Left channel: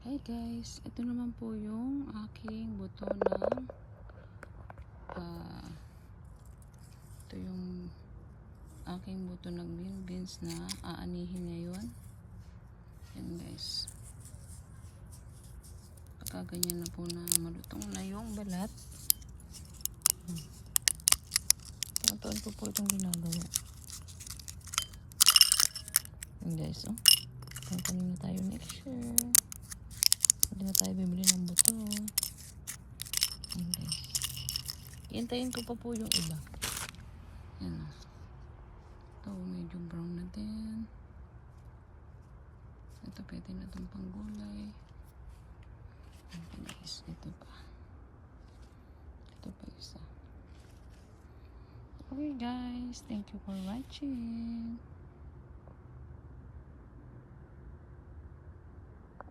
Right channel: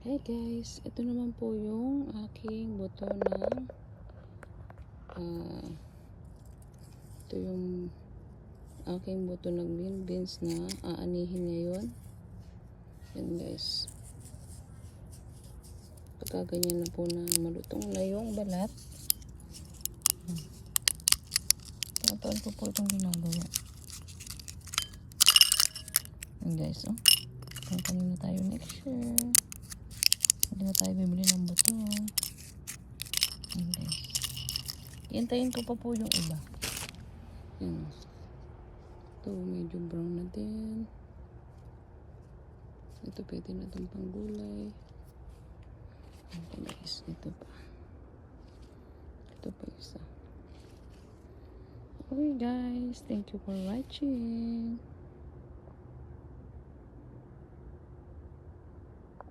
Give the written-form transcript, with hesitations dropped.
Hi guys, ito naman po yung aking buto ng ito yung aking buto ng green beans na aanihin ngayon. Yan guys, pagkaganyan na po na malutong na yung balat, patuan ko po itong ginagawa. Yan guys, kakanin na tayo next year. Hindi na tayo bibili ng buto. Yan guys, hintayin ko pa po yung iba. Yan, ito medyo brown na din. Ito pwede na itong panggulay. Ito guys, ito pa isa. Okay guys, thank you for watching.